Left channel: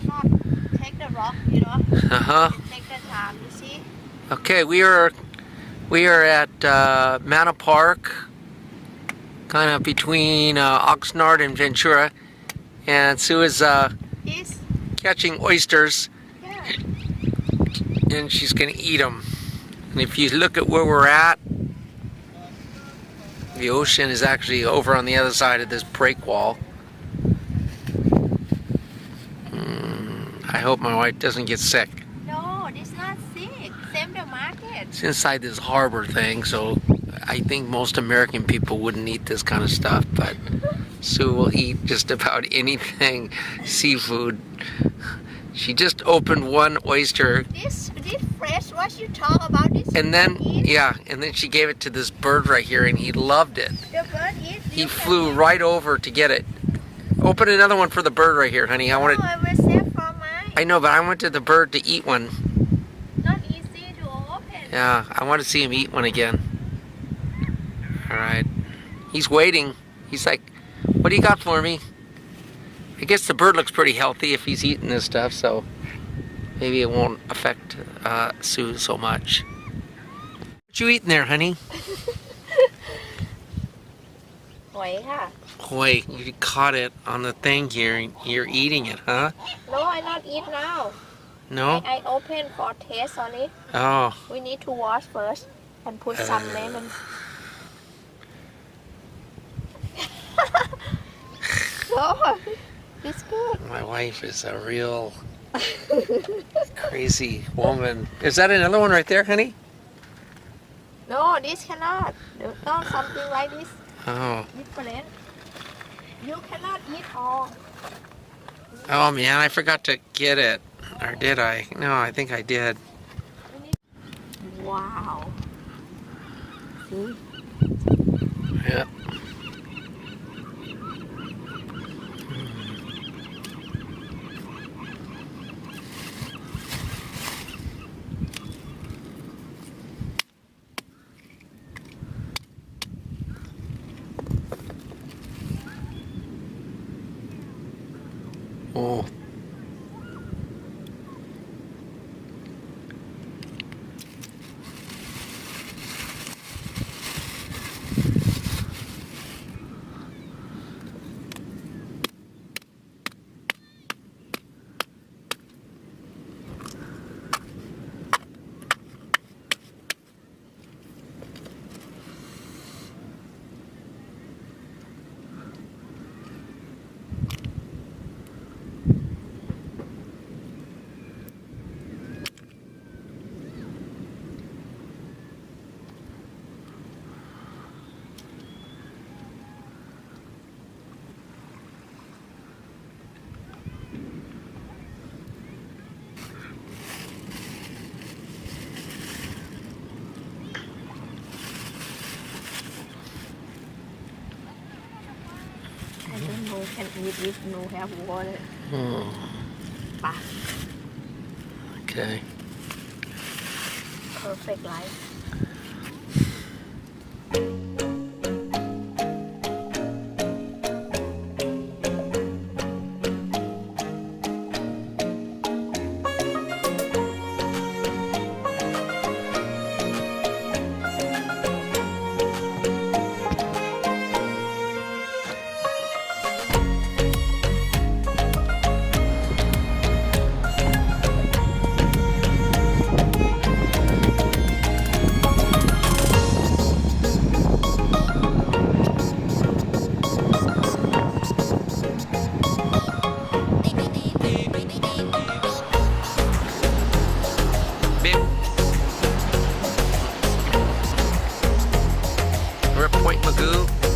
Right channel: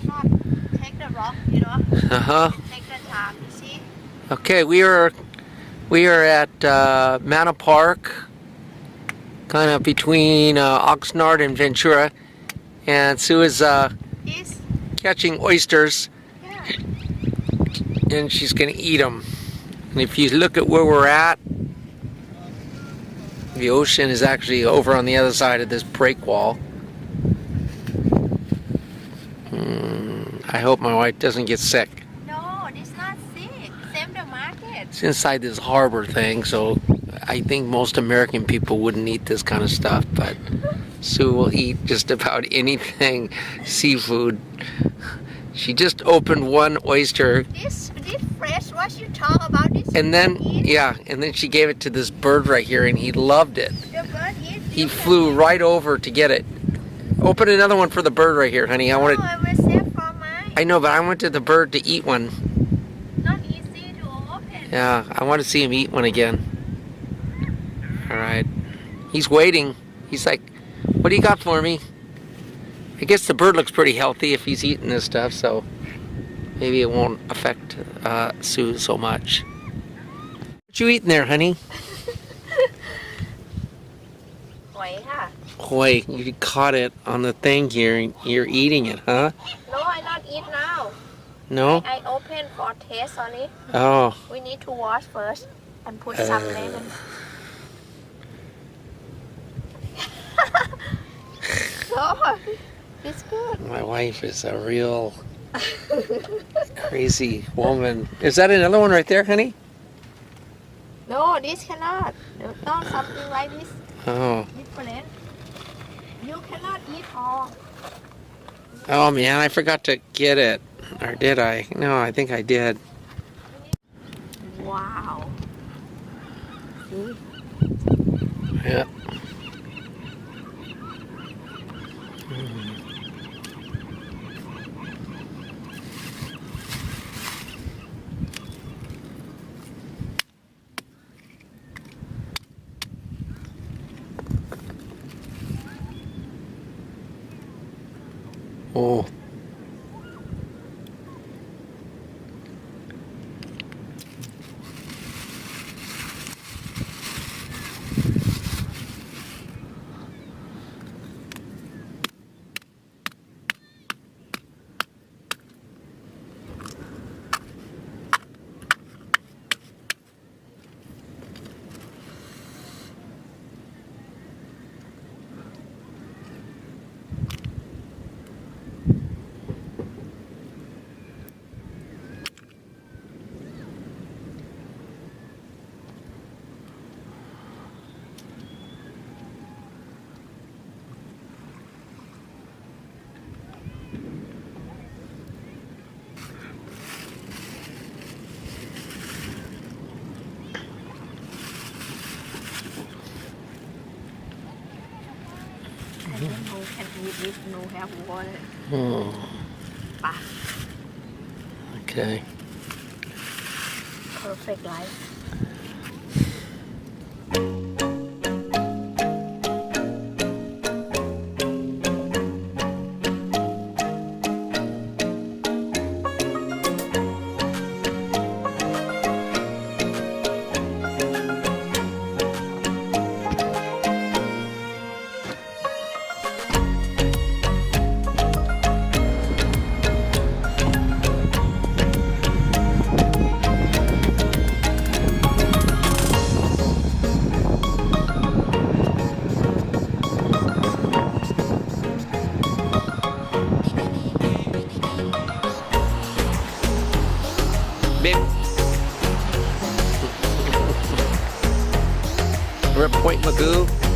cannot take the rock, you know. Take the time, you see. Okay, we are at Mana Park, kind of between Oxnard and Ventura, and Sue is catching oysters, Yeah. and she's going to eat them. And if you look at where we're at, the ocean is actually over on the other side of this break wall. I hope my wife doesn't get sick. No, it's not sick. Same the market. It's inside this harbor thing, so I think most American people wouldn't eat this kind of stuff, but Sue will eat just about anything seafood. She just opened one oyster. This fresh, what you talk about this? And then, yeah, and then she gave it to this bird right here, and he loved it. The bird is. He flew right over to get it. Open another one for the bird right here, honey. I wanted. I will save for mine. I know, but I wanted the bird to eat one. Not easy to open. Yeah, I want to see him eat one again. All right. He's waiting. He's like, what do you got for me? I guess the bird looks pretty healthy if he's eating this stuff, so maybe it won't affect Sue so much. What you eating there, honey? Wait, huh? Boy, you caught it on the thing here, and you're eating it, huh? No, I not eat now. No? I open for taste on it. Oh. We need to wash first and put some lemon. No, it's good. My wife is a real crazy woman. Is that another one right there, honey? No, this cannot. No, something like this. Oh. Different. You cannot eat all. Oh man, I forgot to get it. Or did I? No, I think I did. Wow. See? Yeah. Oh. I don't know can eat if no have water. Oh. Bah. Okay. Perfect life. We're at Point Magoo.